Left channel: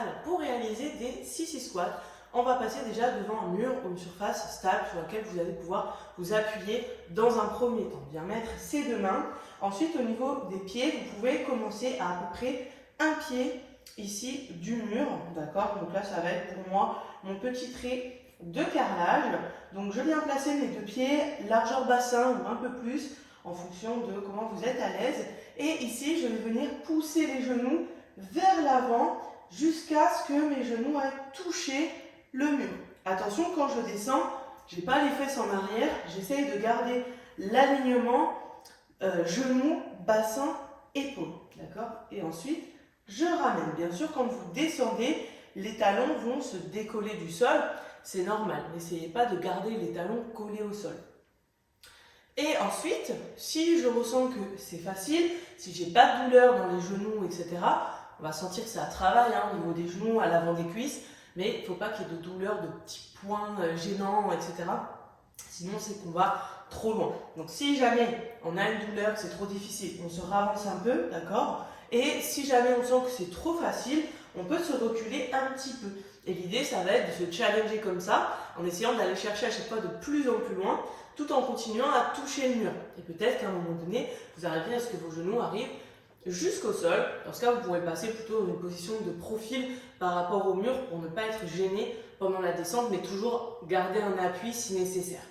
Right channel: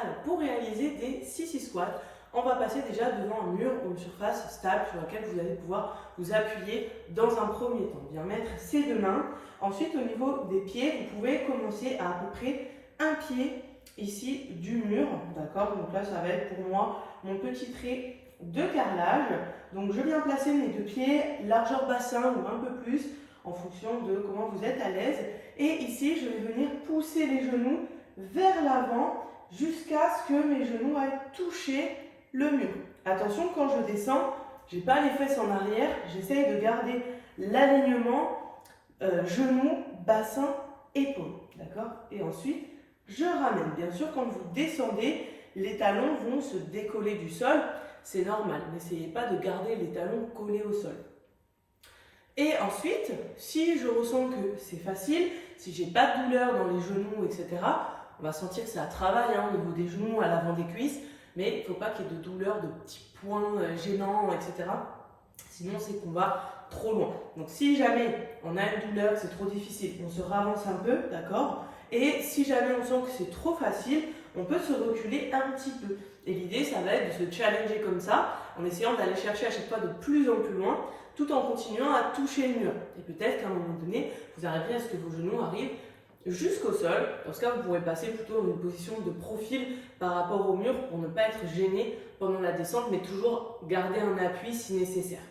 Alors, pour réaliser des sissy squats, on va passer déjà devant un mur ou une surface stable sur laquelle vous allez pouvoir vous appuyer dans un premier temps. Bien mettre ses deux mains. Ensuite, au niveau des pieds, vous pouvez commencer à peu près un pied ici du mur. D'accord? Donc là, ça va être pour moi mon petit trait de carrelage. Donc, je viens placer mes deux pieds, largeur bassin ou un peu plus, en fonction de comment vous êtes à l'aise. Et ici, je vais venir pousser les genoux vers l'avant jusqu'à ce que mes genoux aillent toucher le mur. Attention, quand je descends, je n'ai pas les fesses en arrière, j'essaie de garder l'alignement genoux, bassin, épaules. D'accord? Et ensuite, je ramène. Bien sûr, quand vous descendez, les talons vont se décoller du sol. C'est normal. N'essayez pas de garder les talons collés au sol. Et ensuite, si je ressens que c'est facile, si j'ai pas de douleur dans les genoux, etc., on va sentir que ça travaille au niveau des genoux, à l'avant des cuisses, mais il ne faut pas qu'il y ait de douleur, de petits points gênants, etc. Sinon, c'est qu'on va trop loin. Donc, si jamais on a une douleur, c'est trop difficile, on se ravance un peu, d'accord? Et si jamais on sent que c'est trop facile, on peut se reculer un petit peu. Et l'idée, ça va être de se challenger comme ça, en essayant d'aller chercher à chaque fois de plus en plus loin, tout en continuant à toucher le mur. Et peut-être qu'à un moment donné, vous arriverez à ce que vos genoux arrivent jusqu'au sol. Dans ce cas, vous pourrez passer plutôt dans une position de profil par rapport au mur pour ne pas être gêné pendant la descente, mais toujours garder un appui si nécessaire.